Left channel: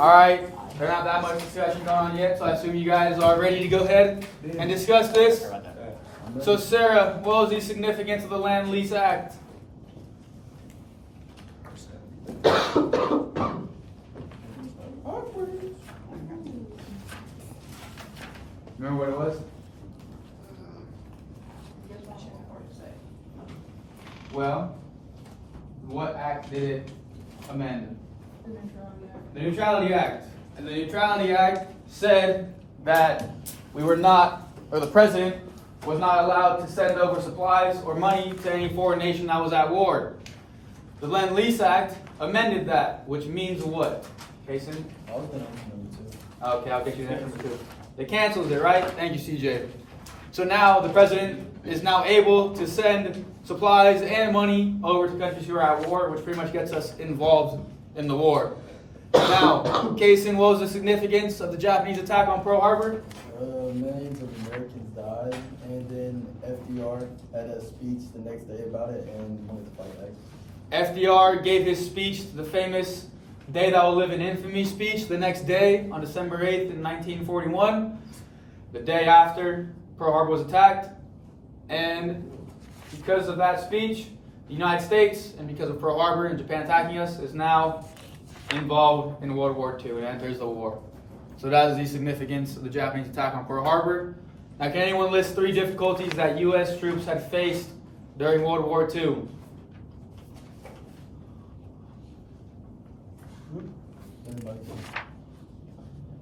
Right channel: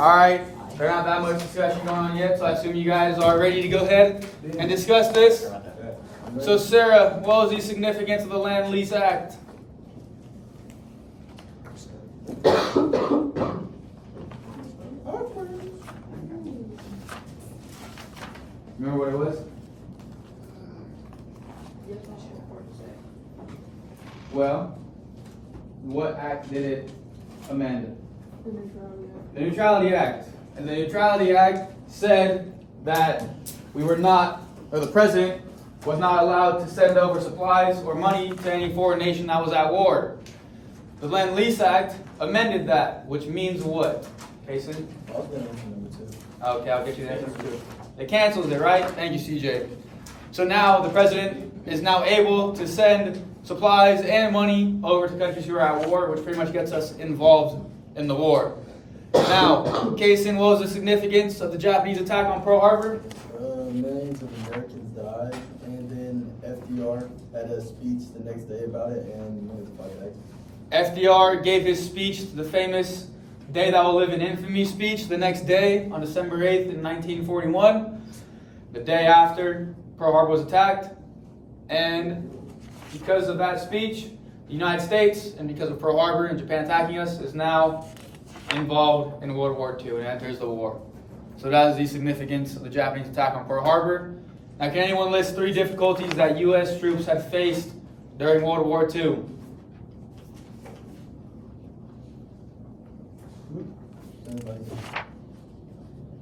Alright, there's not that much discussion going on yet, so I assume you guys are ready to go ahead and discuss this. So Sarah, what was the significance of the Land Lease Act? Remember what it was? Well, what act did it amend? The Neutrality Act. And the Neutrality Act said that we were not, or the president was not allowed to send over supplies or money to any foreign nation that was at war. The Land Lease Act amended that, which means what? Kason? Okay, I'll get you the answer number 2. It cancels it, right? Thank you, CJ. So now the president is now able to send supplies and money over to countries who are at war, which pretty much gets us involved in the war. Now, Kason, what was the significance of the Japanese attack on Pearl Harbor? Millions of Americans died, and then FDR had a speech the next day about it, and we wanted to fight back. FDR gave his speech, the famous Day That Will Live in Infamy speech, the next day on December 8th in 1941, the day after Pearl Harbor was attacked. And because of that speech, the United States, and because of Pearl Harbor and Japan attacking us, is now involved in World War II and enters the war. So that is the significance of the Japanese attack on Pearl Harbor. Now, can anyone list 3 difficulties that U.S. troops had faced during World War II?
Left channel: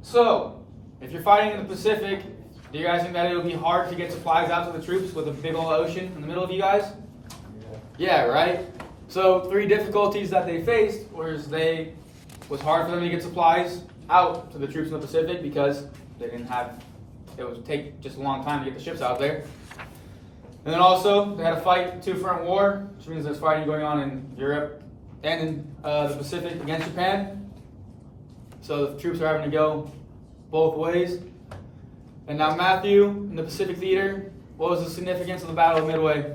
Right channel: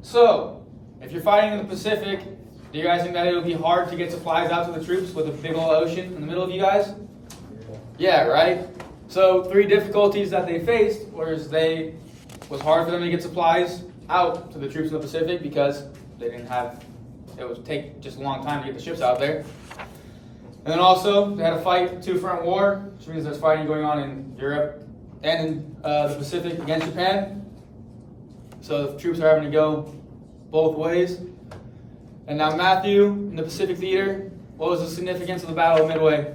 So, if you're fighting in the Pacific, do you guys think that it would be hard to get supplies out to the troops with a big old ocean in the middle of you guys? Yeah, right? So 3 difficulties that they faced was hard for them to get supplies out to the troops in the Pacific because they didn't have, it would take just a long time to get the ships out there. And then also, they had to fight 2-front war, which means there's fighting going on in Europe and in the Pacific against Japan. So the troops are having to go both ways. And now Matthew, in the Pacific Theater, what was the significance of the Battle of Midway?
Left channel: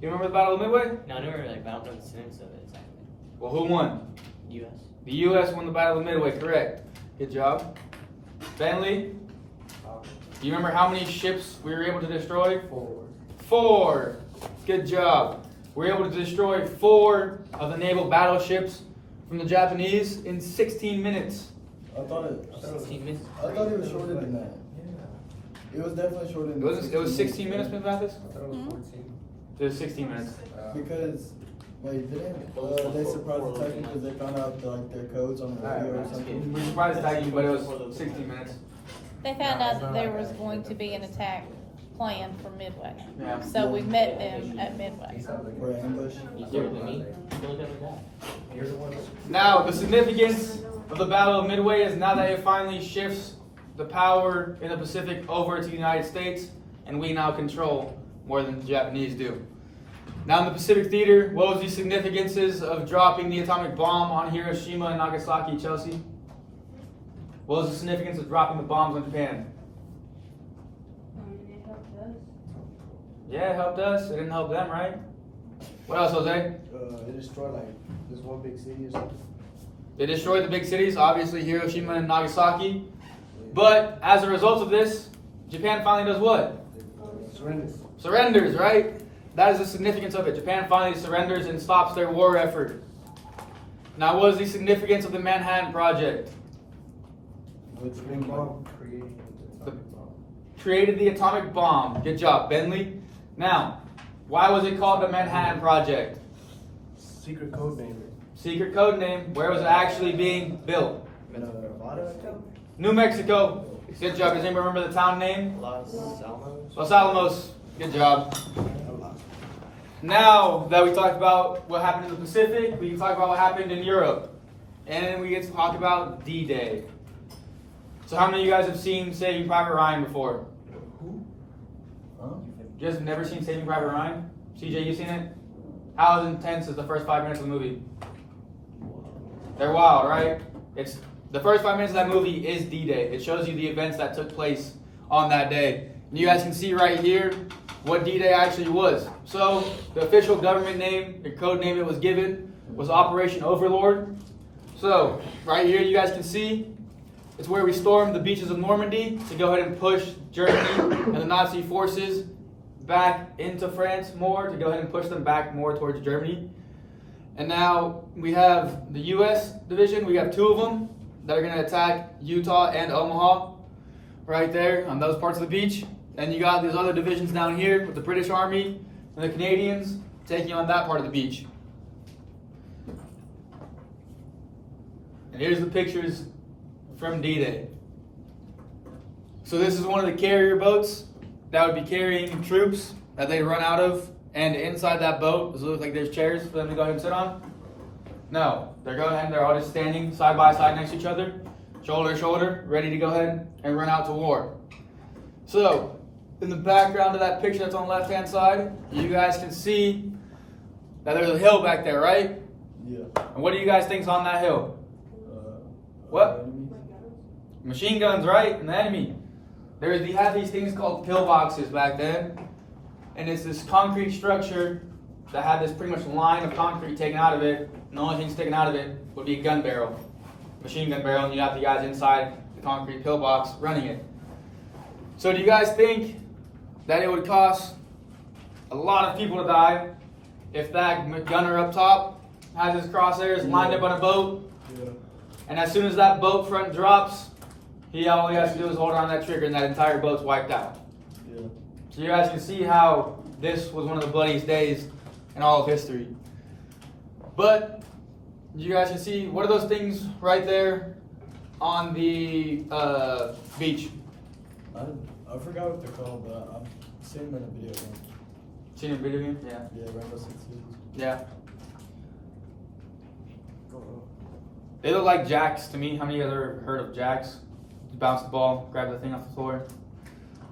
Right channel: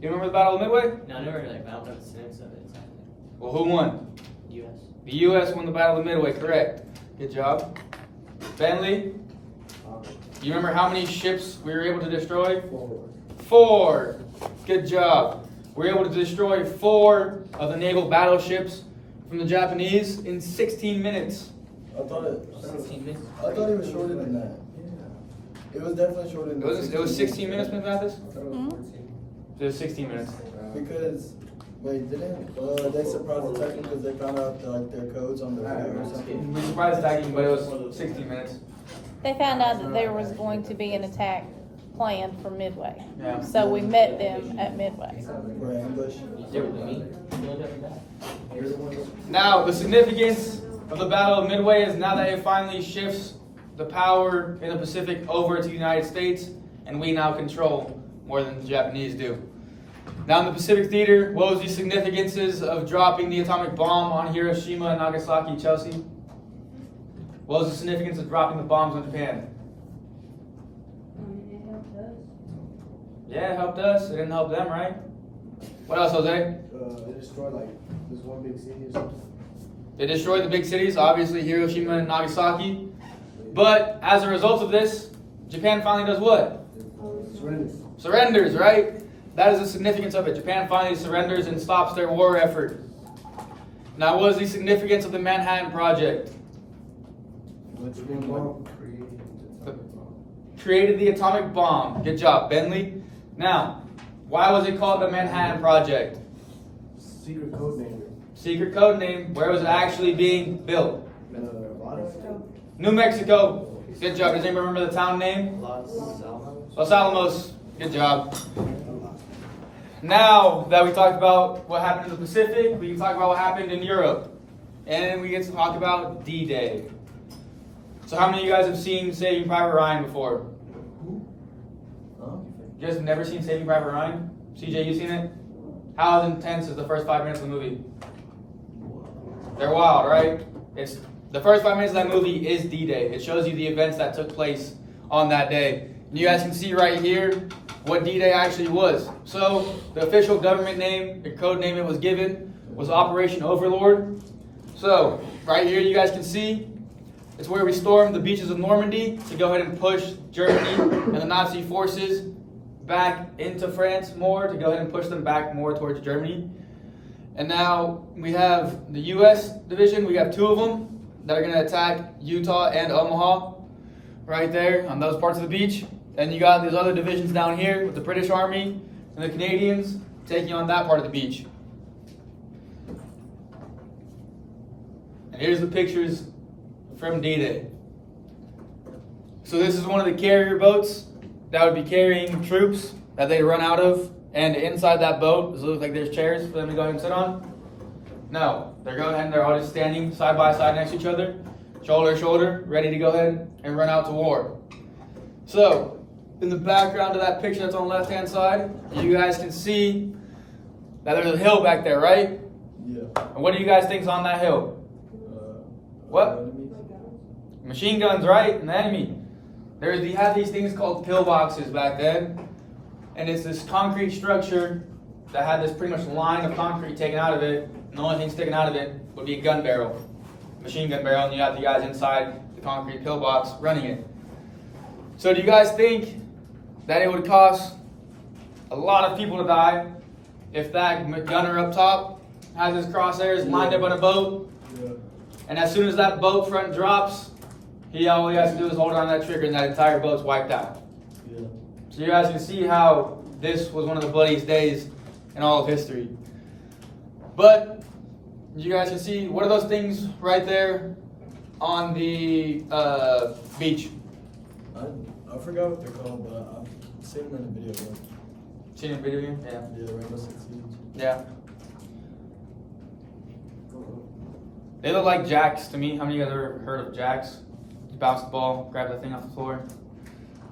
You remember the Battle of Midway? No, I never like battle what the synonyms of it exactly. Well, who won? U.S. The U.S. won the Battle of Midway, correct. Good job. Bentley, you remember how many ships we were able to destroy? 4. Good job. We were able to destroy 4 of the naval battleships from the Japanese in 16 minutes. I thought it 16 minutes. was shorter than that. It was definitely shorter than that. It was 16 minutes, Ms. Mathis? It was 16 minutes. Because, wait, didn't they surprised the Texans because they found out like their codes on the radio or something? We were surprised attacking, but it was 16 minutes. They found out that there was going to be an attack planned for Midway. Yeah. So we met them at Midway. For an ambush? Now, the significance of the Battle of Midway is now that it finally shifts the power in the Pacific over to the United States, and we now control more than the Japanese do. Now in the Pacific Theater, what was the significances of dropping the atomic bomb on Hiroshima and Nagasaki, Chelsea? What was the significance of dropping the bombs on Japan? Yeah, it helped us. It didn't help them, right? What else, Jose? It destroyed like this one big city or something. They destroyed the big cities, obviously Hiroshima and Nagasaki. But as a result of this, Japan finally does what? Surrenders, right? That is the significance of it. Japan finally surrenders and stops their war effort. Now, what is the significance of the Manhattan Project? Created the atomic bomb. Good job, Bentley. Now, why was it called the Manhattan Project? Secret code name. Secret code name. Where was it actually being built? New Mexico. Good job. Does anybody remember the town name? Los Alamos. Good job. Now that we talked about what happened in the Pacific, we can talk about what happened in Europe. And we get to talk about D-Day. So how many of you guys have seen Saving Private Ryan before? You guys have never seen Saving Private Ryan? CJ, you seen it? How intense is the first 5 minutes of the movie? They're wild, right? It's the first 5 minutes of that movie is D-Day. It shows you the events that took place on that day. And you guys can see right here what D-Day actually was. So the official government name, the code name it was given, was Operation Overlord. So, right here you guys can see, it's where we stormed the beaches of Normandy to go ahead and push Germany and the Nazi forces back into France more, to go ahead and push them back more towards Germany. And now we have the U.S. division, we have 2 of them that are going to attack Utah and Omaha, right there on those parts of the beach. And you got these other divisions down here with the British Army and the Canadians taking on that part of the beach. And here's the pictures from D-Day. So this is one of the carrier boats that would be carrying troops that they run out of. And inside that boat, does it look like there's chairs for them to go ahead and sit on? No, they're going ahead and they're all just standing side by side next to each other, shoulder to shoulder, ready to go ahead and run out to war. So, in the background of that picture that's on the left-hand side, you guys can see that there's a hill back there, right? Yeah. And what do you guys think's on that hill? What? Enemy? Machine guns, right? And the enemy. You had these things called pillboxes back then. And it's this concrete structure that had this pretty much line of concrete taken out of it. And the only thing sticking out of it would be a gun barrel, machine gun barrel, and you have the guys inside the concrete pillbox running it. So do you guys think that it would cost a lot of people to die if that gunner up top has his crosshairs lined up on a boat, Yeah. and as soon as that boat front drops, all he has to do is hold on that trigger and that entire boat's wiped out? Yeah. So you guys can see how this was one of the bloodiest days in all of history. But you guys can see, what are those things right there on the beach? I forgot what they're called, but I've seen them in a video. Like, Seen a video game? Yeah. yeah, Rainbow Six Siege. Yeah. They look like jacks to me. How many of you guys ever heard of jacks? You bounce the ball, grab the thing off the floor.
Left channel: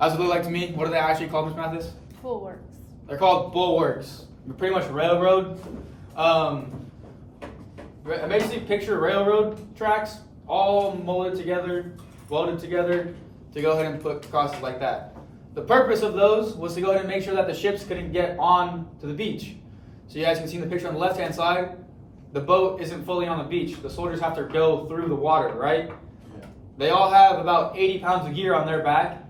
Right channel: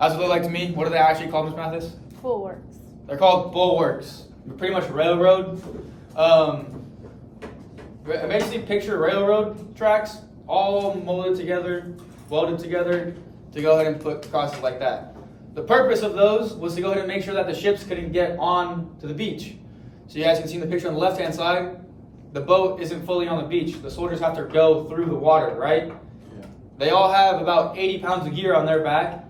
That's what they look like to me. What are they actually called, Ms. Mathis? Bulwarks. They're called bulwarks. They're pretty much railroad. Basically, picture railroad tracks all molded together, welded together to go ahead and put crosses like that. The purpose of those was to go ahead and make sure that the ships couldn't get on to the beach. So you guys can see in the picture on the left-hand side, the boat isn't fully on the beach. The soldiers have to go through the water, right? Yeah. They all have about 80 pounds of gear on their back.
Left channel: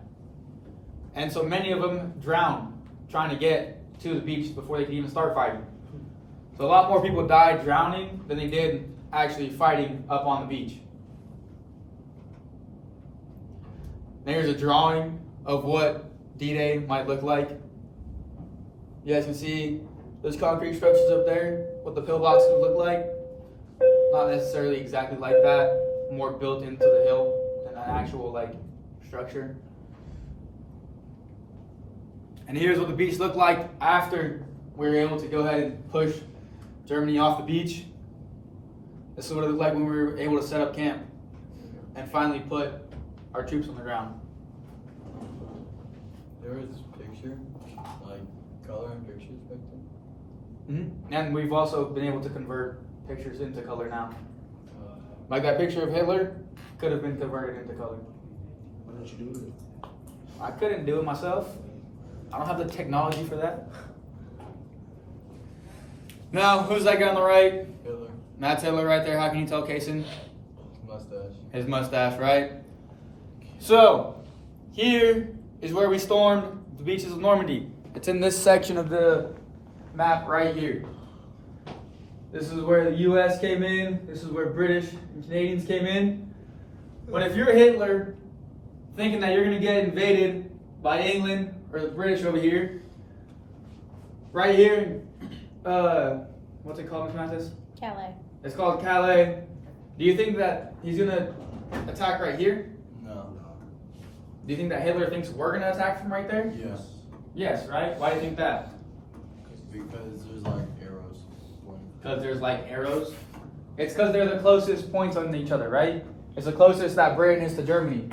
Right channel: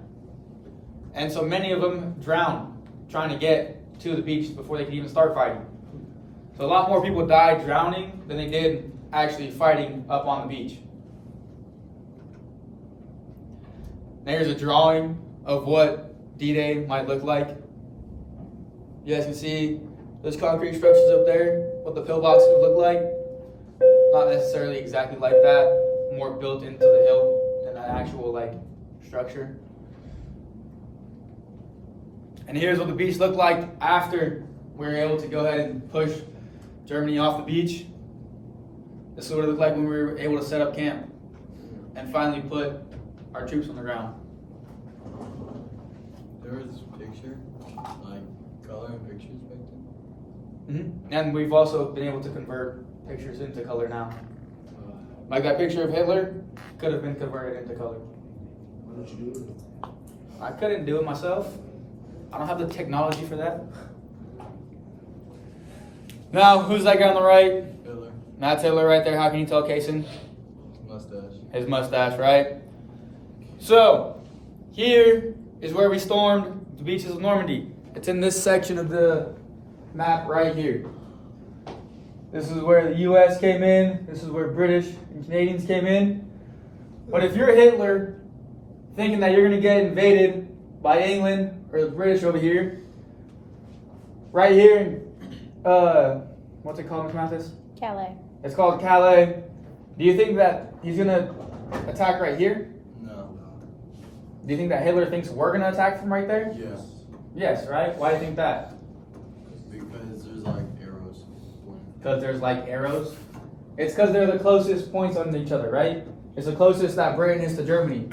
And so many of them drown trying to get to the beach before they can even start fighting. So a lot more people died drowning than they did actually fighting up on the beach. There's a drawing of what D-Day might look like. You guys can see those concrete structures up there, what the pillboxes would look like. Not necessarily exactly like that, more built into the hill than an actual structure. And here's what the beach looked like after we were able to go ahead and push Germany off the beach. This is what it looked like when we were able to set up camp and finally put our troops on the ground. There was picture, like coloring pictures back then. And we've also been able to convert pictures into color now. Like that picture of Hitler could have been converted into color. Why don't you do it? I couldn't do it myself. I don't have the technology for that. Now, who's that guy on the right? Hitler, Matt Hitler right there. How can you tell, Kaysen? mustache. His mustache, right? So, here is where we stormed the beaches of Normandy. It's in this section of the map right here. This is where the U.S. came in. This is where British and Canadians came in. But if you're Hitler, thinking that you're going to get invaded by England or the British over here, right here, what's it called, Ms. Mathis? Calais. It's called Calais. Do you think that he's going to attack right here? No. Do you think that Hitler thinks we're going to attack from right there? Yes. Yes, right? Why do you think that? Because there's like arrows. Because there's arrows? It's because they're the closest points on each other, right? It's the closest that Britain is to Germany.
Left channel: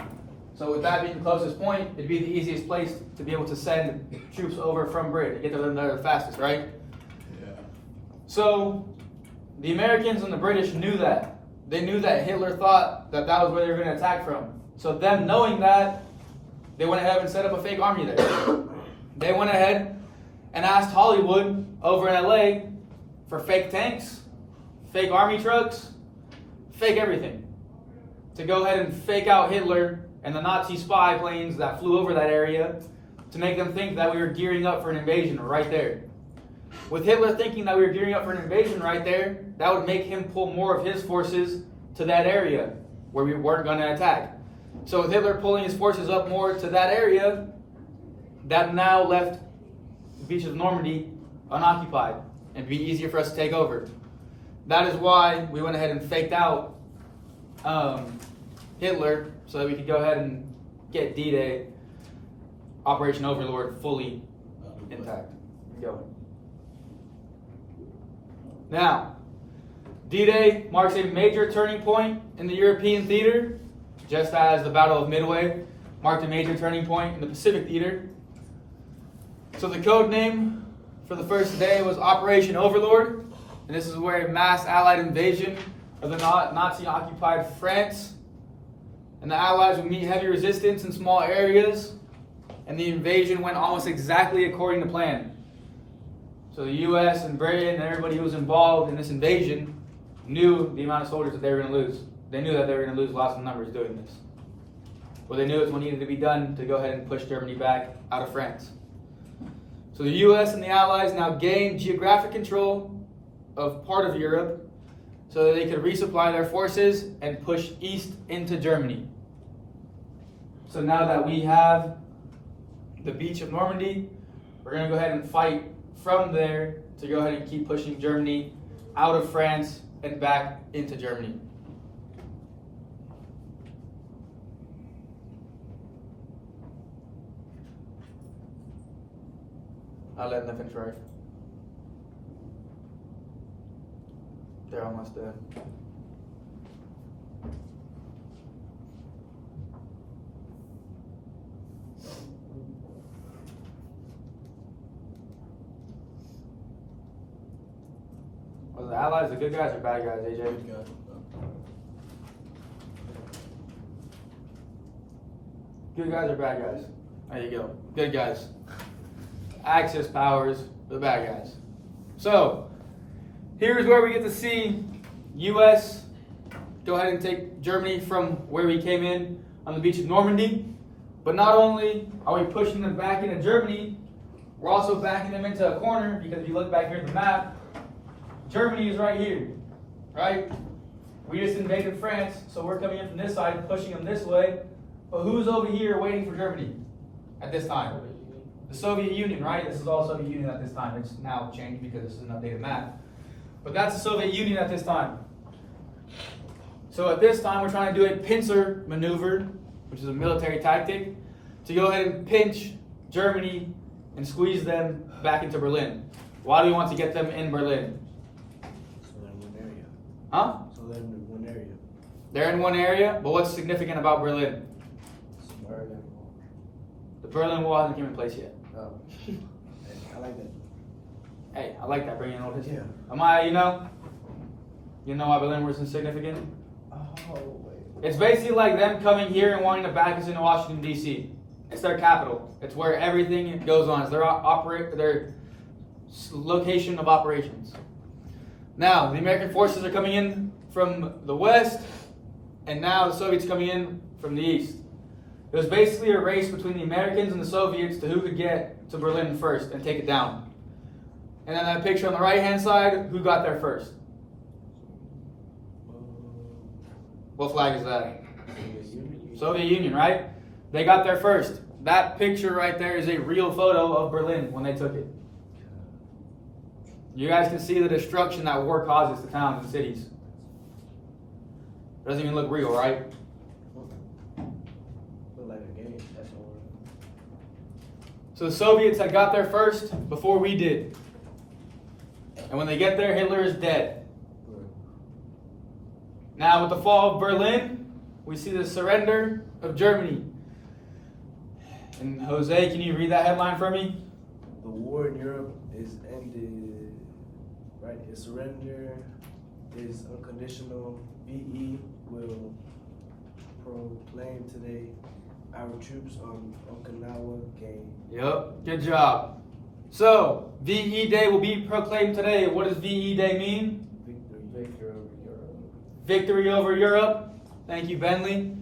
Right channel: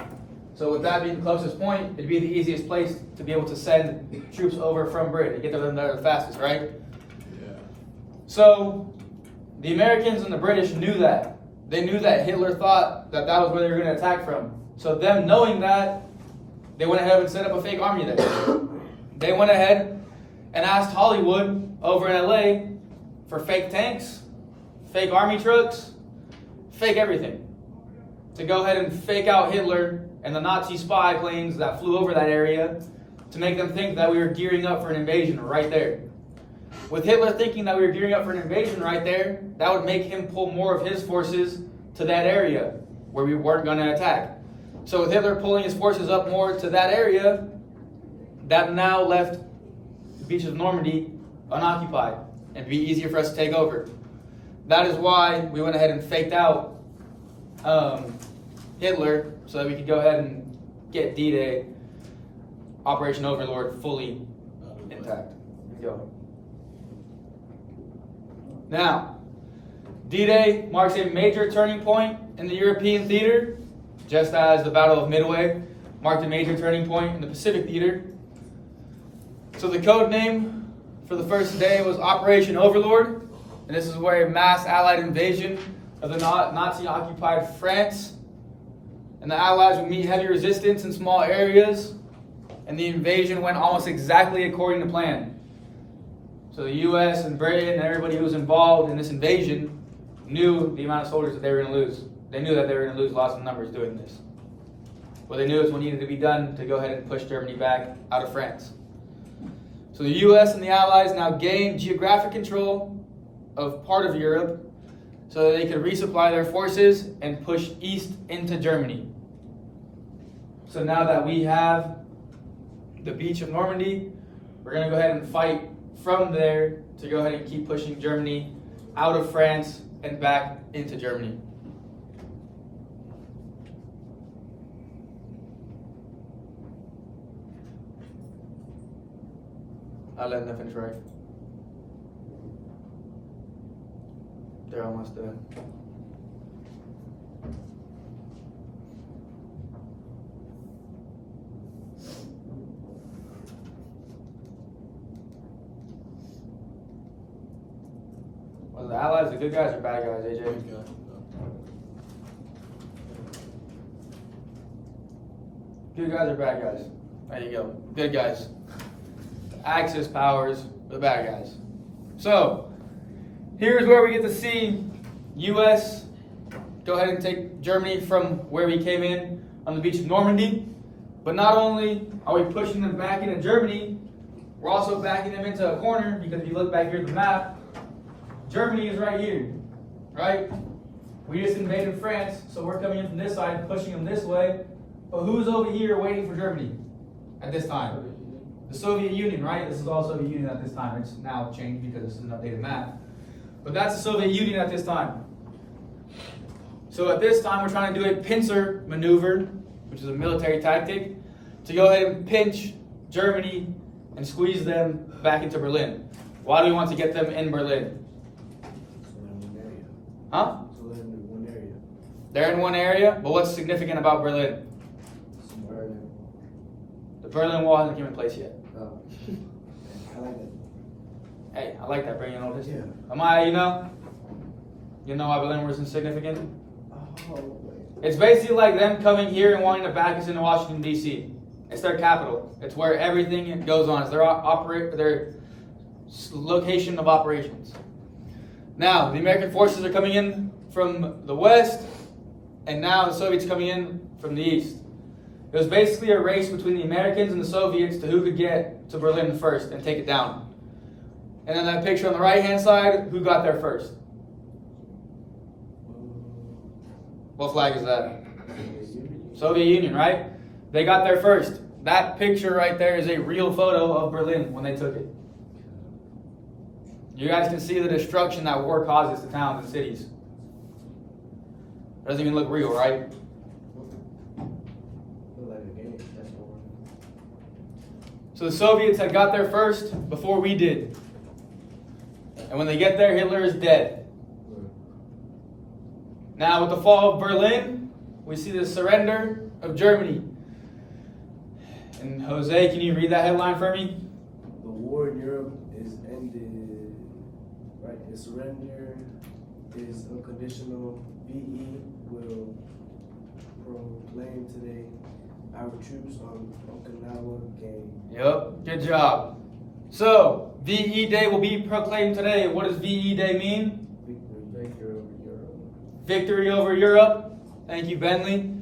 So with that being the closest point, it'd be the easiest place to be able to send troops over from Britain to get them there the fastest, right? Yeah. So the Americans and the British knew that. They knew that Hitler thought that that was where they were going to attack from. So them knowing that, they went ahead and set up a fake army there. They went ahead and asked Hollywood over in LA for fake tanks, fake army trucks, fake everything. To go ahead and fake out Hitler and the Nazi spy planes that flew over that area to make them think that we were gearing up for an invasion right there. With Hitler thinking that we were gearing up for an invasion right there, that would make him pull more of his forces to that area where we weren't going to attack. So with Hitler pulling his forces up more to that area, that now left the beaches of Normandy unoccupied and be easier for us to take over. That is why we went ahead and faked out Hitler so that we could go ahead and get D-Day, Operation Overlord, fully intact and going. Now, D-Day marks a major turning point in the European theater, just as the Battle of Midway marked a major turning point in the Pacific theater. So the code name for the first day was Operation Overlord, and this is where a mass Allied invasion of the Nazi-occupied France, and the Allies would meet heavy resistance in small areas, and the invasion went almost exactly according to plan. So the U.S. and Britain and everybody who was involved in this invasion knew the amount of soldiers that they were going to lose. They knew that they were going to lose lots of numbers doing this. What they knew is what needed to be done to go ahead and push Germany back out of France. So the U.S. and the Allies now gained geographic control of part of Europe so that they could resupply their forces and push east into Germany. So now that we have the beach of Normandy, we're going to go ahead and fight from there to go ahead and keep pushing Germany out of France and back into Germany. I'll let them finish, right? They're almost done. Was the Allies the good guys or bad guys, AJ? Good guys or bad guys? There you go. Good guys. Axis powers, the bad guys. So, here's where we get to see U.S. go ahead and take Germany from where we came in on the beach of Normandy. But not only are we pushing them back into Germany, we're also backing them into a corner, because if you look back here at the map, Germany is right here, right? We just invaded France, so we're coming in from this side and pushing them this way. But who's over here waiting for Germany at this time? The Soviet Union, right? This is all Soviet Union at this time. It's now changed because it's an updated map. But that's the Soviet Union at this time. So at this time, we're trying to do a pincer maneuver, which is a military tactic, to go ahead and pinch Germany and squeeze them back into Berlin. Why do we want to get them in Berlin? Huh? So they're in one area. They're in one area, but what's significant about Berlin? Berlin. The Berlin Wall hasn't come in place yet. No. I like that. Hey, I like that, bringing in old history. Yeah. Am I, you know why Berlin was insignificant? Oh, wait. It's basically like them coming here and wanting to back us into Washington, D.C. It's their capital. It's where everything goes on. It's their location of operations. Now, the American forces are coming in from the west, and now the Soviets coming in from the east. It was basically a race between the Americans and the Soviets to who could get to Berlin first and take it down. And then that picture on the right-hand side, who got there first? What flag is that? Soviet Union, right? They got there first. That picture right there is a real photo of Berlin when they took it. You guys can see the destruction that war causes to towns and cities. Doesn't even look real, right? Look like a game. That's what So the Soviets had got there first before we did. And when they get there, Hitler is dead. Now with the fall of Berlin, we see the surrender of Germany. And Jose, can you read that headline for me? the war in Europe is ended. Right? The surrender is unconditional. VE will proclaim today our troops on Okinawa gain. Yep, good job. So, VE Day will be proclaimed today. What does VE Day mean? Victory. victory over Europe. Thank you, Bentley.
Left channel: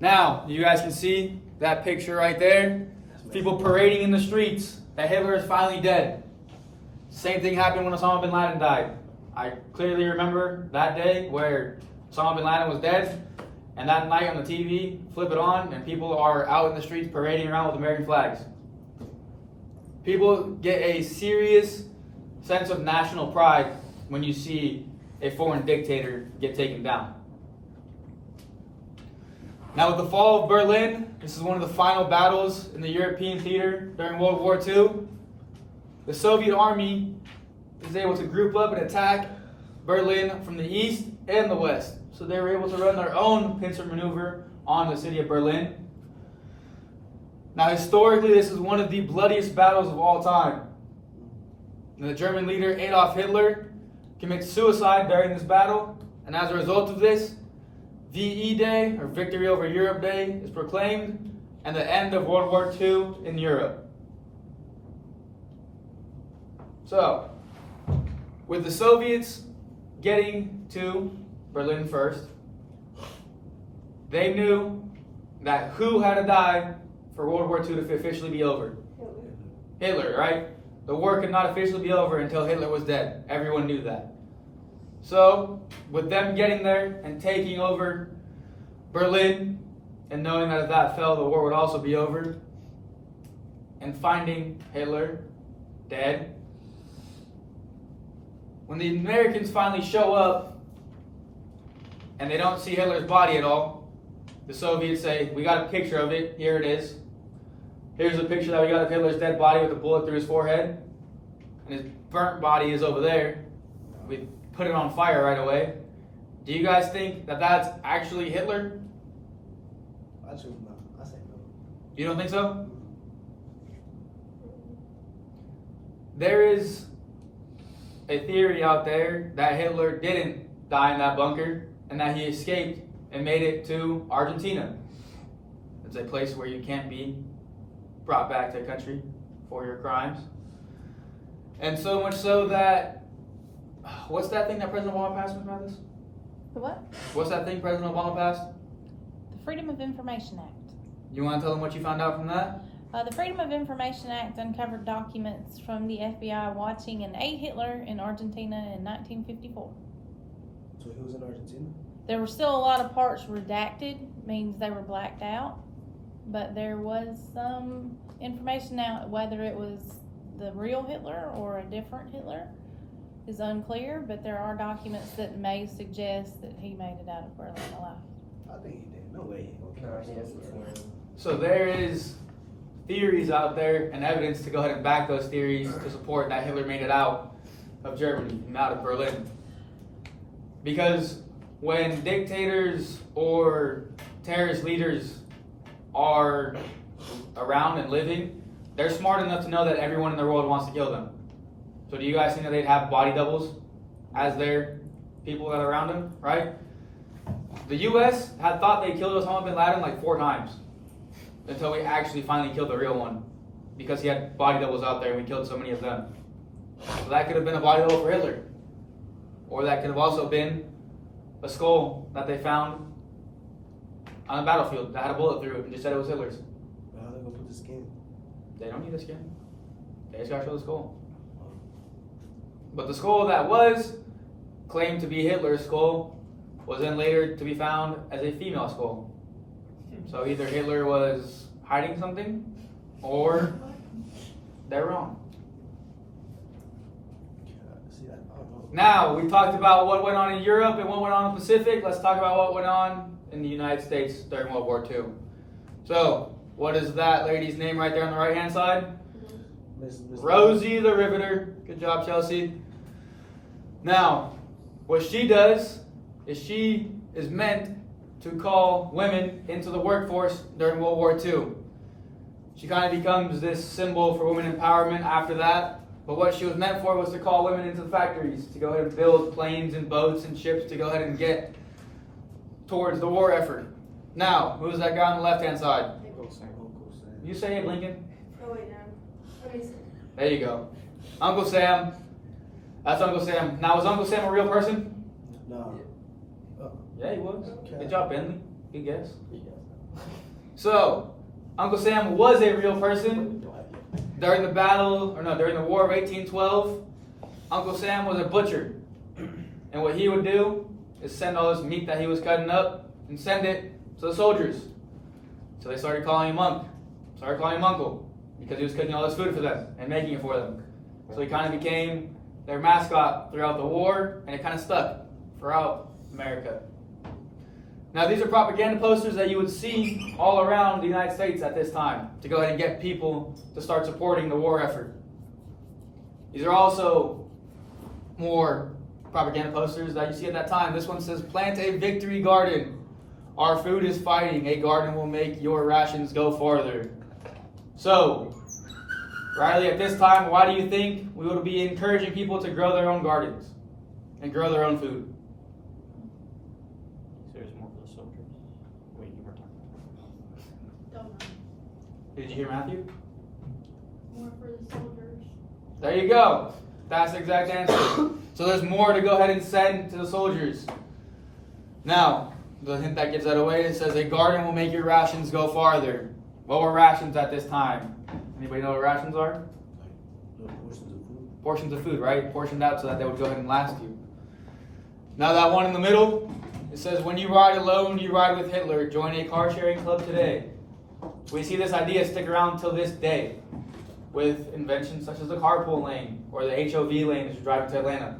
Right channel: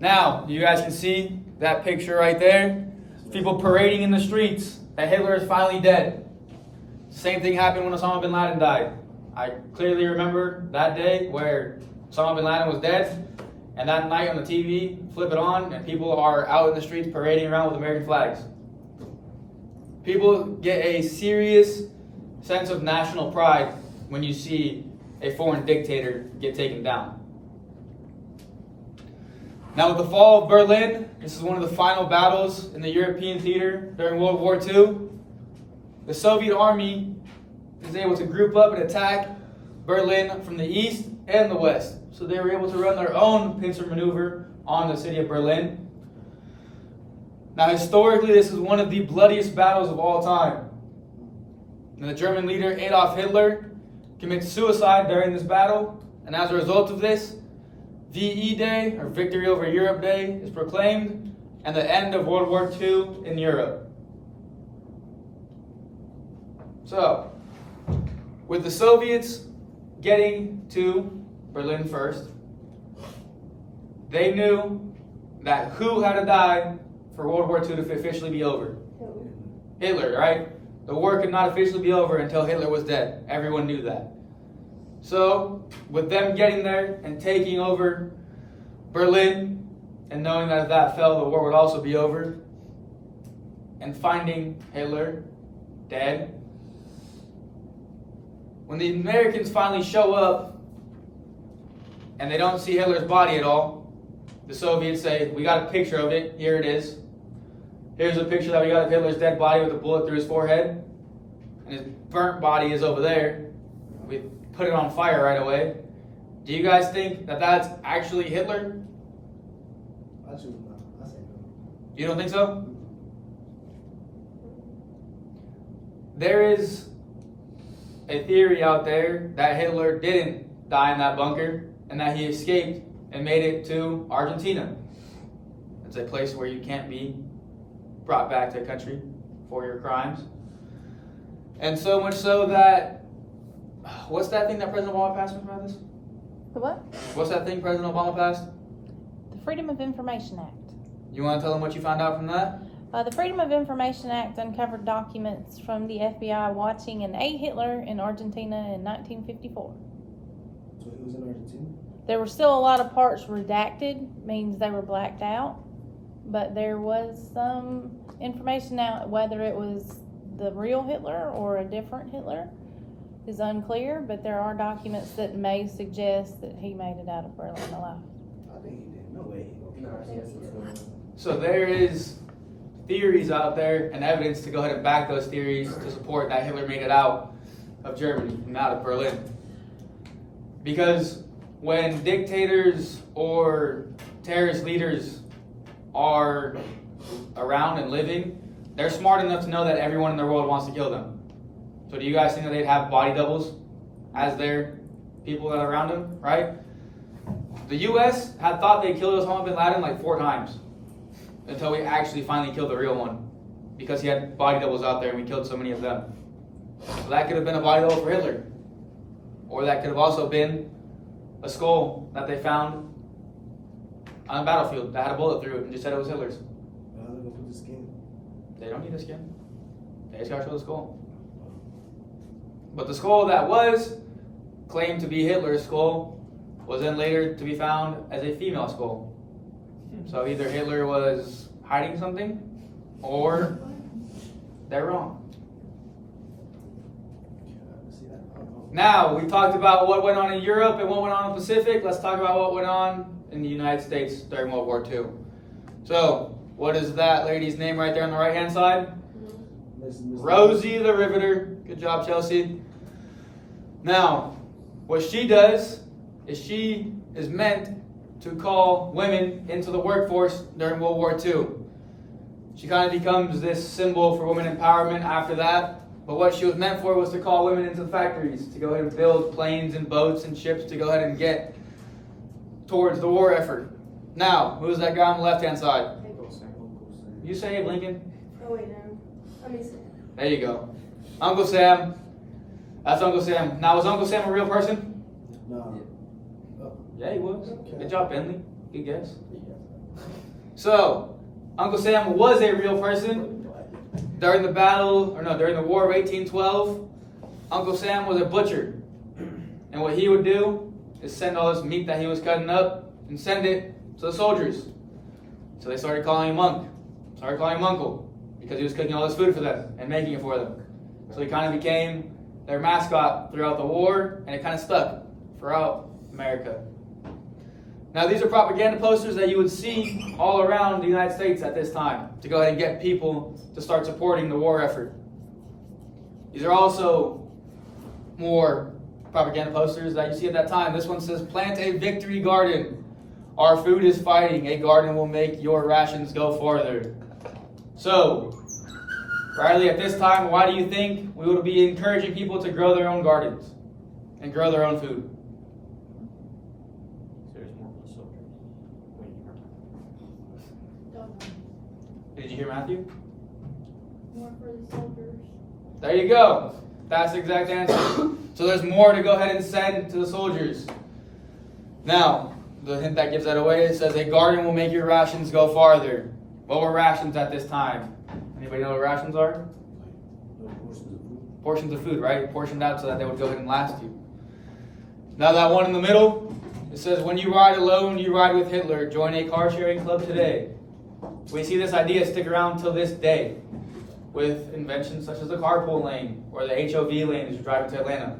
Now, you guys can see that picture right there. People parading in the streets that Hitler is finally dead. Same thing happened when Osama bin Laden died. I clearly remember that day where Osama bin Laden was dead, and that night on the TV, flip it on, and people are out in the streets parading around with American flags. People get a serious sense of national pride when you see a foreign dictator get taken down. Now, with the fall of Berlin, this is one of the final battles in the European theater during World War II. The Soviet army is able to group up and attack Berlin from the east and the west. So they were able to run their own pincer maneuver on the city of Berlin. Now, historically, this is one of the bloodiest battles of all time. And the German leader Adolf Hitler commits suicide during this battle, and as a result of this, VE Day, or Victory Over Europe Day, is proclaimed, and the end of World War II in Europe. So, with the Soviets getting to Berlin first, they knew that who had to die for World War II to officially be over? Hitler, right? The war could not officially be over until Hitler was dead. Everyone knew that. So, with them getting there and taking over Berlin, and knowing that if that fell, the war would also be over, and finding Hitler dead, when the Americans finally show up and they don't see Hitler's body at all, the Soviets say, we got a picture of it, here it is. Here's a picture that we got of Hitler's dead body with a bullet through his forehead, and his burnt body is over there. We put it on fire right away. Do you guys think that that's actually Hitler? I choose not. I say no. You don't think so? There is a theory out there that Hitler didn't die in that bunker and that he escaped and made it to Argentina. It's a place where you can't be brought back to a country for your crimes. And so much so that, what's that thing that President Obama passed, Ms. Mathis? The what? What's that thing President Obama passed? The Freedom of Information Act. You want to tell them what you found out from that? The Freedom of Information Act uncovered documents from the FBI watching an A. Hitler in Argentina in 1954. So he was in Argentina? There were still a lot of parts redacted, means they were blacked out, but there was some information out. Whether it was the real Hitler or a different Hitler is unclear, but there are documents that may suggest that he made it out of Berlin alive. I think he did. No way. So there is theories out there and evidence to go ahead and back those theories to support that Hitler made it out of Germany and out of Berlin. Because when dictators or terrorist leaders are around and living, they're smart enough to know that everyone in their world wants to kill them. So do you guys think that they'd have body doubles as their people that are around them, right? The U.S. had thought they killed Osama bin Laden like 4 times until we actually finally killed the real one, because he had body doubles out there and we killed so many of them. So that could have been a body double for Hitler. Or that could have also been a skull that they found on a battlefield that had a bullet through it and just said it was Hitler's. But how they gonna put the skin? They don't need a skin. They just gotta show the skull. But the skull that was claimed to be Hitler's skull was then later to be found as a female skull. So either Hitler was hiding something, or they're wrong. Now, we talked about what went on in Europe and what went on in the Pacific. Let's talk about what went on in the United States during World War II. So, what is that lady's name right there on the right-hand side? Rosie the Riveter. Good job, Chelsea. Now, what she does is she is meant to call women into the workforce during World War II. She kind of becomes this symbol for women empowerment after that. But what she was meant for was to call women into the factories, to go ahead and build planes and boats and ships to go ahead and get towards the war effort. Now, who's that guy on the left-hand side? You say it, Lincoln. Oh, wait, no. Let me see. There you go. Uncle Sam. That's Uncle Sam. Now, was Uncle Sam a real person? No. Yeah, he was. Good job, Bentley. Good guess. So, Uncle Sam was a real person. During the during the War of 1812, Uncle Sam was a butcher. And what he would do is send all this meat that he was cutting up and send it to the soldiers. So they started calling him Uncle, because he was cooking all this food for them and making it for them. So he kind of became their mascot throughout the war, and it kind of stuck throughout America. Now, these are propaganda posters that you would see all around the United States at this time to go ahead and get people to start supporting the war effort. These are also more propaganda posters that you see at that time. This one says, "Plant a victory garden. Our food is fighting. A garden will make your rations go farther." So, Riley, at this time, why do you think we would be encouraging people to grow their own gardens and grow their own food? There's more for the soldiers. Wait, you were talking. Did you hear Matthew? More for the soldiers. There you go. That's the exact answer. So there's more to go ahead and send to the soldiers. Now, the hint that gives that away, it says a garden will make your rations go farther. What were rations at this time? Anybody know what rations are? Portions of food, right? Portioned out so that they would go ahead and last you. Now that one in the middle, it says, "When you ride alone, you ride with Hitler. Join a car sharing club today." We see this idea stick around till this day with inventions such as the carpool lane or the HOV lane as you're driving to Atlanta.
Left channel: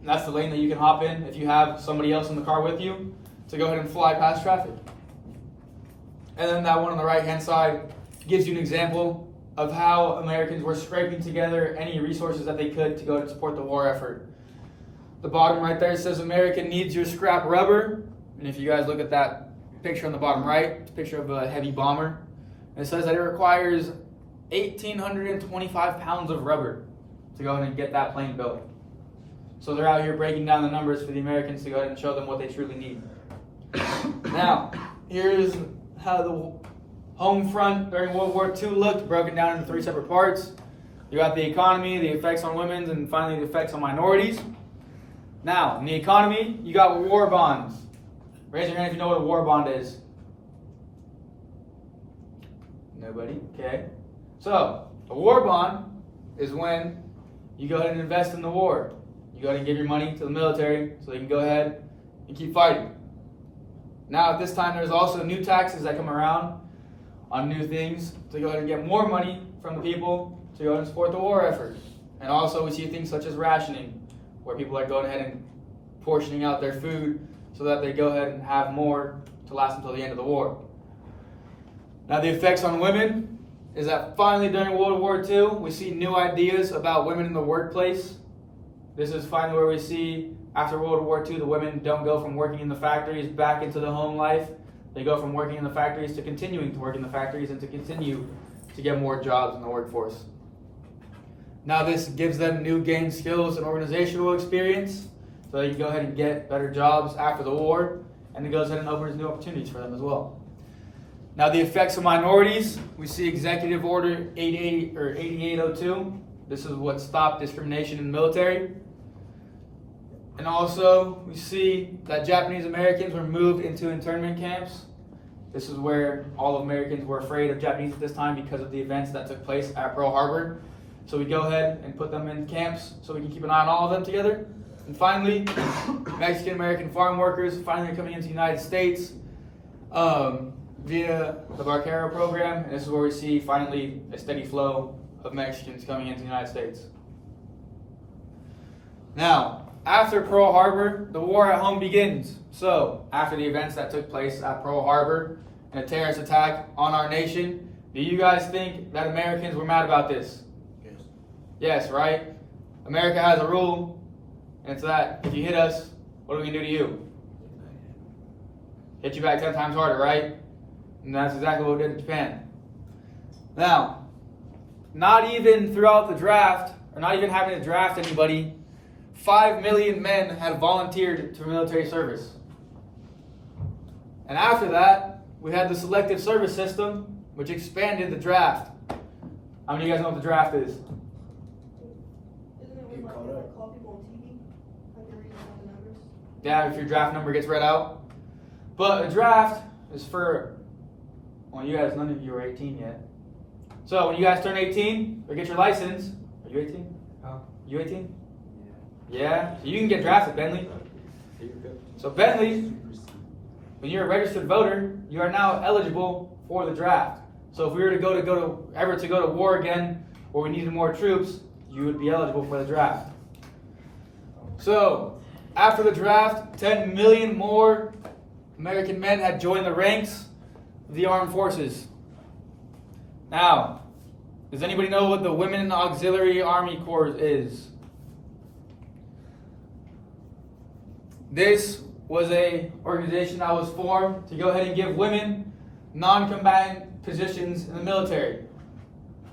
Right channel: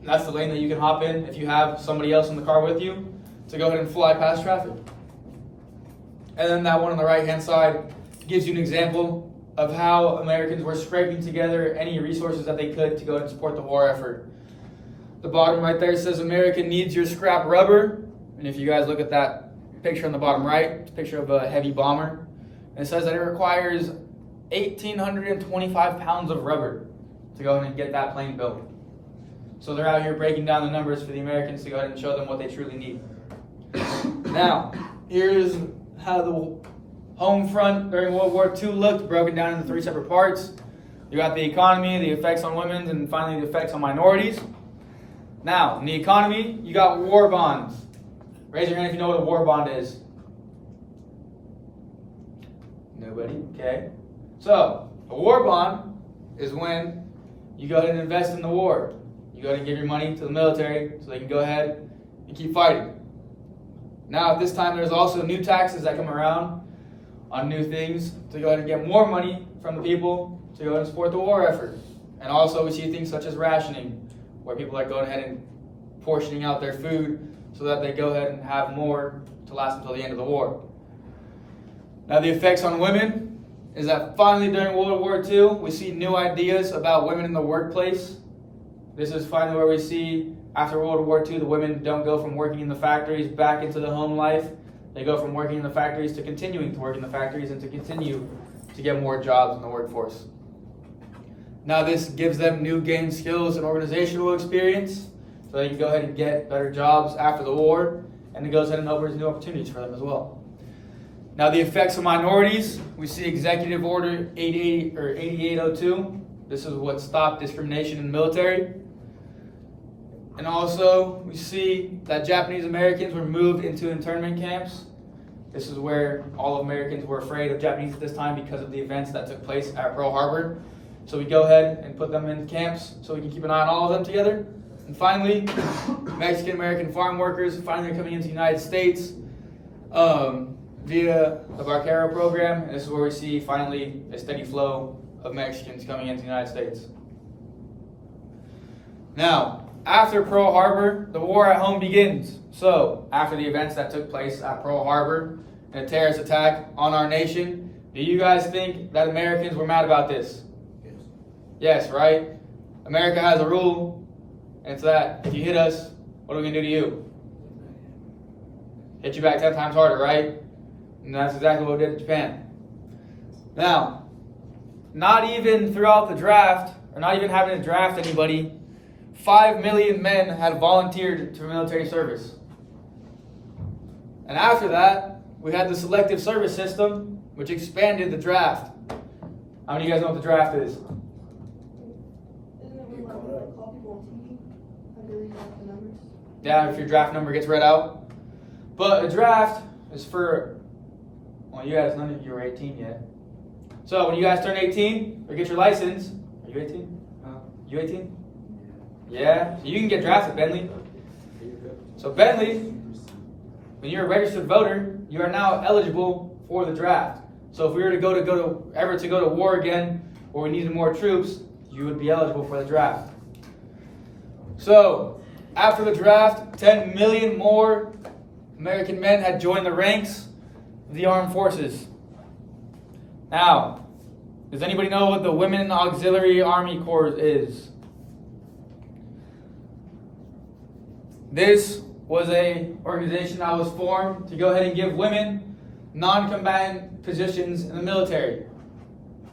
And that's the lane that you can hop in if you have somebody else in the car with you to go ahead and fly past traffic. And then that one on the right-hand side gives you an example of how Americans were scraping together any resources that they could to go and support the war effort. The bottom right there says, "America needs your scrap rubber." And if you guys look at that picture on the bottom right, it's a picture of a heavy bomber. And it says that it requires 1,825 pounds of rubber to go ahead and get that plane built. So they're out here breaking down the numbers for the Americans to go ahead and show them what they truly need. Now, here's how the home front during World War II looked, broken down into 3 separate parts. You got the economy, the effects on women, and finally the effects on minorities. Now, in the economy, you got war bonds. Raise your hand if you know what a war bond is. Nobody? Okay. So, a war bond is when you go ahead and invest in the war. You go ahead and give your money to the military so they can go ahead and keep fighting. Now, at this time, there's also new taxes that come around on new things to go ahead and get more money from the people to go ahead and support the war effort. And also, we see things such as rationing, where people are going ahead and portioning out their food so that they go ahead and have more to last until the end of the war. Now, the effects on women is that finally during World War II, we see new ideas about women in the workplace. This is finally where we see, after World War II, the women don't go from working in the factories back into the home life. They go from working in the factories to continuing to work in the factories and to continue to get more jobs in the workforce. Now this gives them new gained skills and organizational experience, so they can go ahead and get better jobs after the war, and it goes ahead and opens new opportunities for them as well. Now the effects of minorities, we see Executive Order 8802. This is what stopped discrimination in the military. And also, we see that Japanese Americans were moved into internment camps. This is where all Americans were afraid of Japanese at this time because of the events that took place at Pearl Harbor. So we go ahead and put them in camps so we can keep an eye on all of them together. And finally, Mexican American farm workers finally are coming into the United States via the Barquero program. And this is where we see finally a steady flow of Mexicans coming into the United States. Now, after Pearl Harbor, the war at home begins. So, after the events that took place at Pearl Harbor and a terrorist attack on our nation, do you guys think that Americans were mad about this? Yes, right? America has a rule, and it's that if you hit us, what are we going to do to you? Hit you back 10 times harder, right? And that's exactly what we did to Japan. Now, not even throughout the draft, or not even having to draft anybody, 5 million men had volunteered to military service. And after that, we had the selective service system, which expanded the draft. How many of you guys know what the draft is? Isn't it when like call people on TV? Have you read about the numbers? Yeah, if your draft number gets read out. But a draft is for, well, you guys, none of you are 18 yet. So when you guys turn 18 or get your license, are you 18? You 18? Yeah, so you can get drafted, Bentley. So Bentley, when you're a registered voter, you are now eligible for the draft. So if we were to go to war again, or we needed more troops, you would be eligible for the draft. So after the draft, 10 million more American men had joined the ranks of the armed forces. Now, does anybody know what the Women Auxiliary Army Corps is? This was an organization that was formed to go ahead and give women non-combatant positions in the military.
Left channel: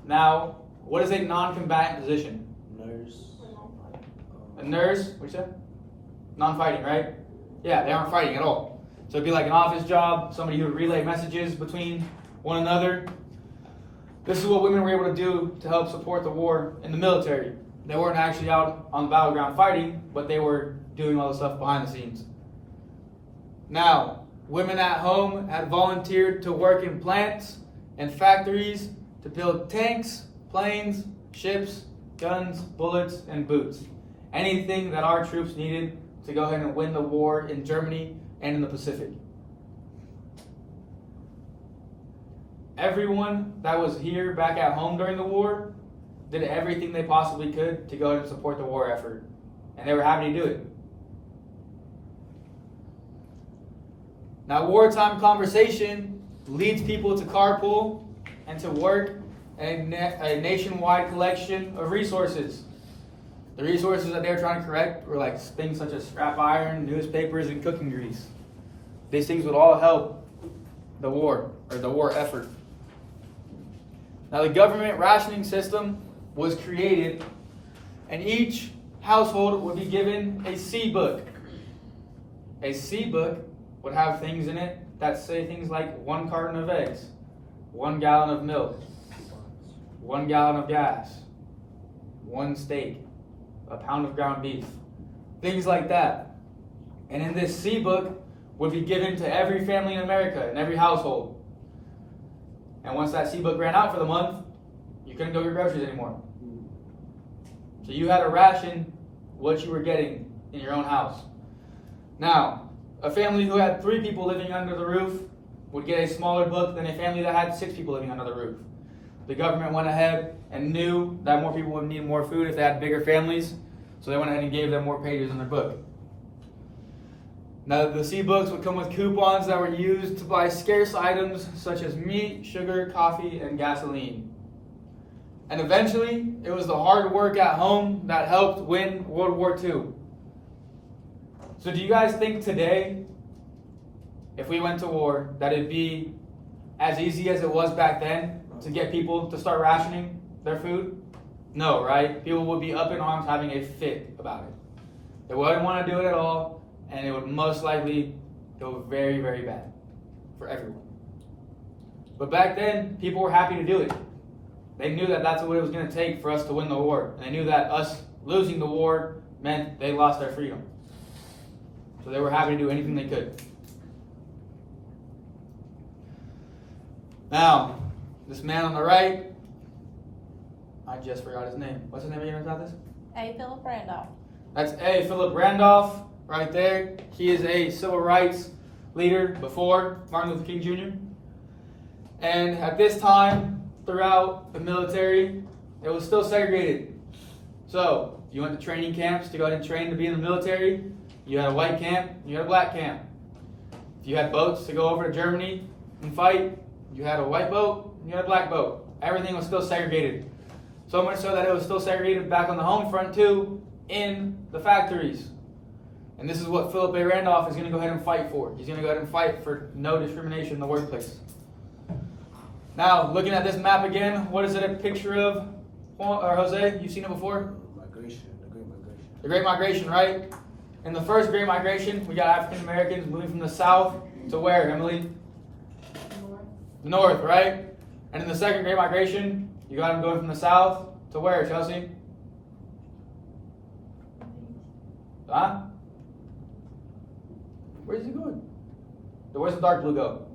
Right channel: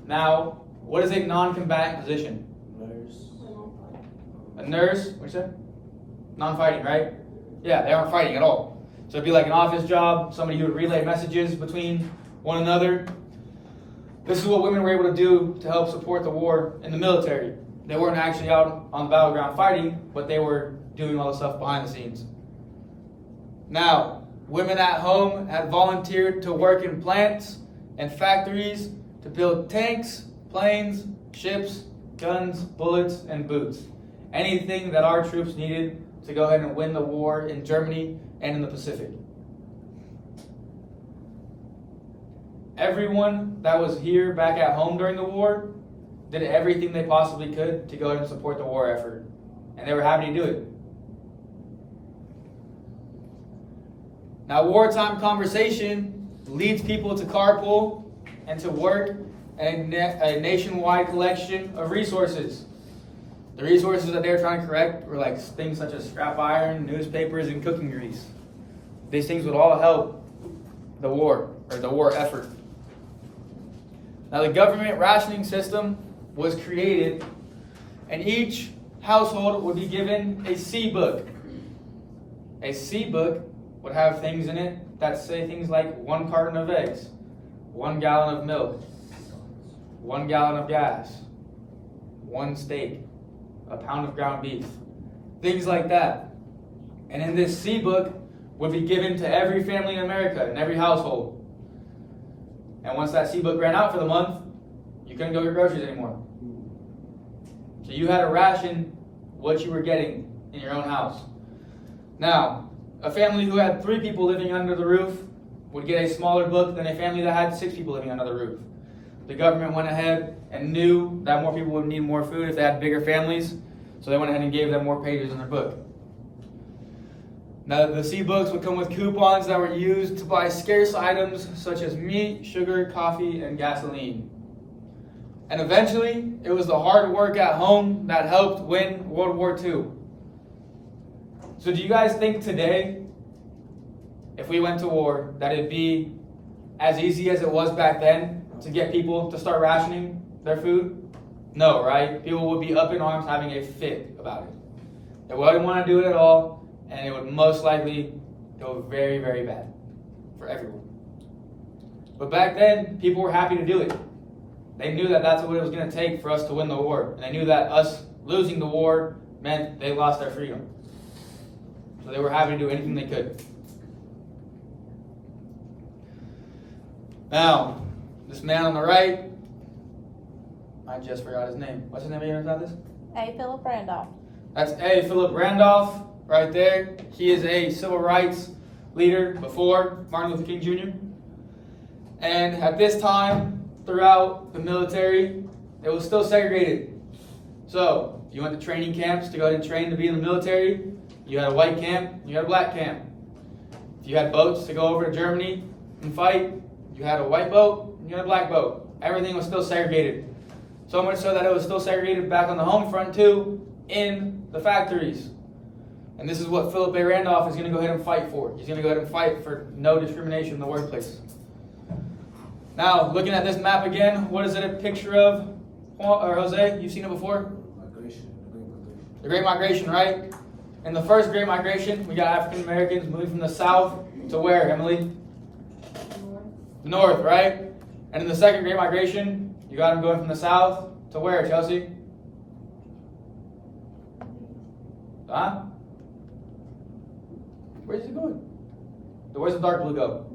Now, what is a non-combatant position? Nurse. I don't fight. A nurse? What you say? Non-fighting, right? Yeah, they aren't fighting at all. So it'd be like an office job, somebody who would relay messages between one another. This is what women were able to do to help support the war in the military. They weren't actually out on the battleground fighting, but they were doing all the stuff behind the scenes. Now, women at home had volunteered to work in plants and factories to build tanks, planes, ships, guns, bullets, and boots. Anything that our troops needed to go ahead and win the war in Germany and in the Pacific. Everyone that was here back at home during the war did everything they possibly could to go ahead and support the war effort. And they were happy to do it. Now, wartime conversation leads people to carpool and to work a nationwide collection of resources. The resources that they were trying to collect were like things such as scrap iron, newspapers, and cooking grease. These things would all help the war, or the war effort. Now, the government rationing system was created, and each household would be given a C book. A C book would have things in it that say things like 1 carton of eggs, 1 gallon of milk, 1 gallon of gas, 1 steak, a pound of ground beef, things like that. And in this C book would be given to every family in America, in every household. And once that C book ran out for the month, you couldn't go get groceries anymore. So you had to ration what you were getting in your own house. Now, a family who had 3 people living under the roof would get a smaller book than a family that had 6 people living under the roof. The government went ahead and knew that more people would need more food if they had bigger families, so they went ahead and gave them more pages in their book. Now, the C books would come with coupons that were used to buy scarce items such as meat, sugar, coffee, and gasoline. And eventually, it was the hard work at home that helped win World War II. So do you guys think today, if we went to war, that it'd be as easy as it was back then to get people to start rationing their food? No, right? People would be up in arms having a fit about it. They wouldn't want to do it at all, and it would most likely go very, very bad for everyone. But back then, people were happy to do it. They knew that that's what it was going to take for us to win the war. And they knew that us losing the war meant they lost their freedom. So they were happy to do anything they could. Now, this man on the right, I just forgot his name. What's his name again about this? A. Philip Randolph. That's A. Philip Randolph right there. He is a civil rights leader before Martin Luther King Jr. And at this time, throughout the military, it was still segregated. So, you went to training camps to go ahead and train to be in the military. You had a white camp, you had a black camp. If you had boats to go over to Germany and fight, you had a white boat and you had a black boat. Everything was still segregated. So much so that it was still segregated back on the home front too, in the factories. And this is what Philip A. Randolph is going to go ahead and fight for. He's going to go ahead and fight for no discrimination in the workplace. Now, looking at this map again, what is it a picture of? Or Jose, you've seen it before? Migration. The Great Migration, right? In the first Great Migration, we got African Americans moving from the south to where, Emily? The north, right? And in the second Great Migration, you got them going from the south to where, Chelsea? Huh? Where's it going? Where's the dark blue go?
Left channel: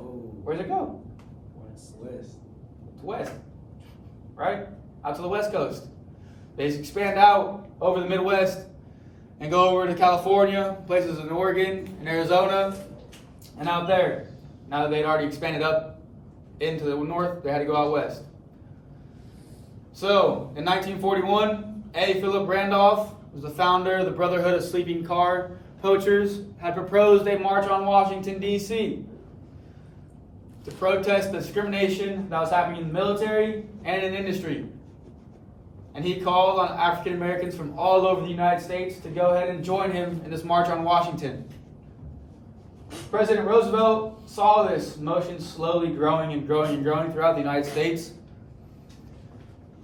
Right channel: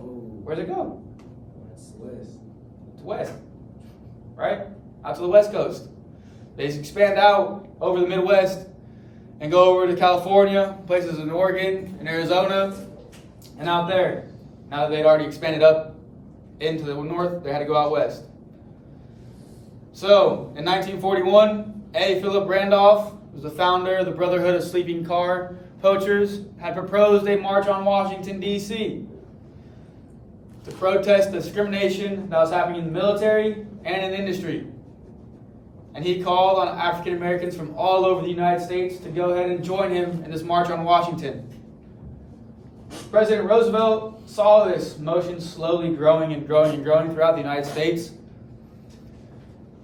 Oh, Where's it go? west. To west, right? Out to the west coast. They expand out over the Midwest and go over to California, places in Oregon and Arizona, and out there. Now that they'd already expanded up into the north, they had to go out west. So, in 1941, A. Philip Randolph was the founder of the Brotherhood of Sleeping Car Poachers, had proposed a march on Washington, D.C. to protest the discrimination that was happening in the military and in industry. And he called on African Americans from all over the United States to go ahead and join him in this march on Washington. President Roosevelt saw this motion slowly growing and growing and growing throughout the United States.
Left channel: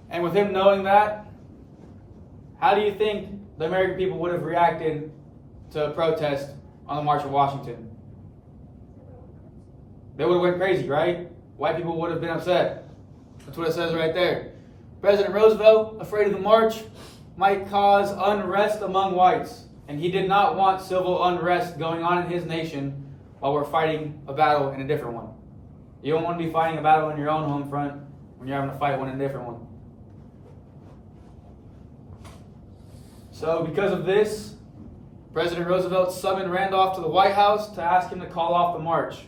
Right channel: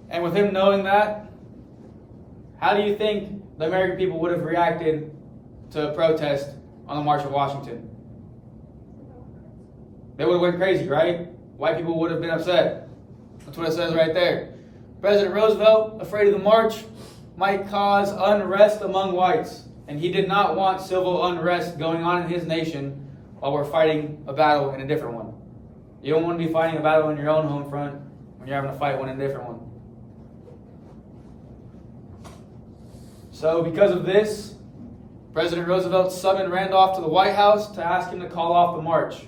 And with him knowing that, how do you think the American people would have reacted to a protest on the March of Washington? They would have went crazy, right? White people would have been upset. That's what it says right there. President Roosevelt, afraid of the march, might cause unrest among whites. And he did not want civil unrest going on in his nation while we're fighting a battle in a different one. You don't want to be fighting a battle in your own home front when you're having to fight one in a different one. So because of this, President Roosevelt summoned Randolph to the White House to ask him to call off the march.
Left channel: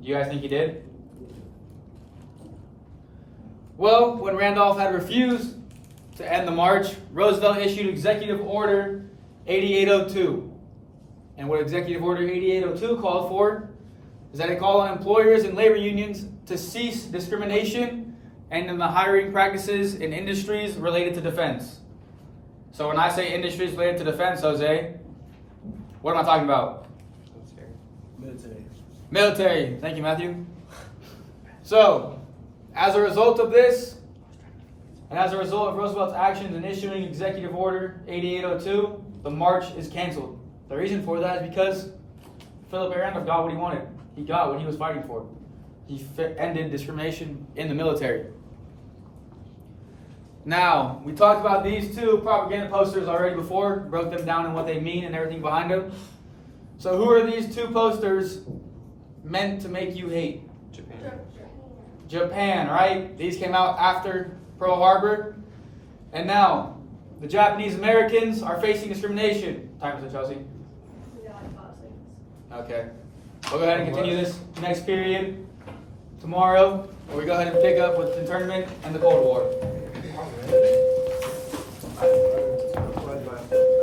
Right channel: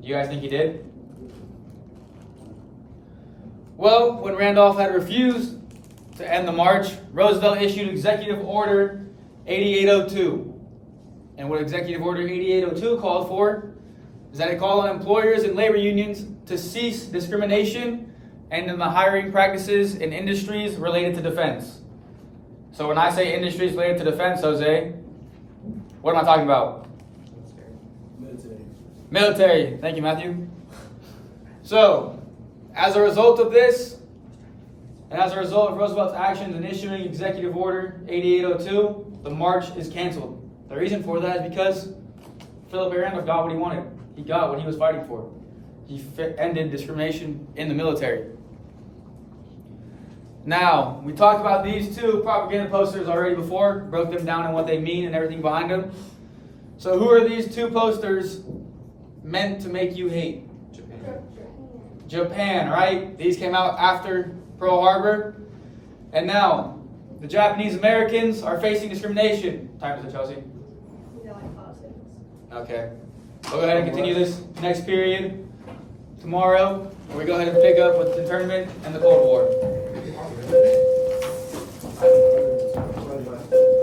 Do you guys think he did? Well, when Randolph had refused to end the march, Roosevelt issued Executive Order 8802. And what Executive Order 8802 called for is that it called on employers and labor unions to cease discrimination and in the hiring practices in industries related to defense. So when I say industries related to defense, Jose, what am I talking about? Military. Military. Thank you, Matthew. So, as a result of this, and as a result of Roosevelt's actions in issuing Executive Order 8802, the march is canceled. The reason for that is because Philip A. Randolph got what he wanted. He got what he was fighting for. He ended discrimination in the military. Now, we talked about these two propaganda posters already before, broke them down and what they mean and everything behind them. So who are these two posters meant to make you hate? Japan, right? These came out after Pearl Harbor. And now, the Japanese Americans are facing discrimination. Time is up, Chelsea. We got like 5 seconds. Okay. We'll go ahead and continue this next period tomorrow, where we go ahead and pick up with the internment and the Cold War.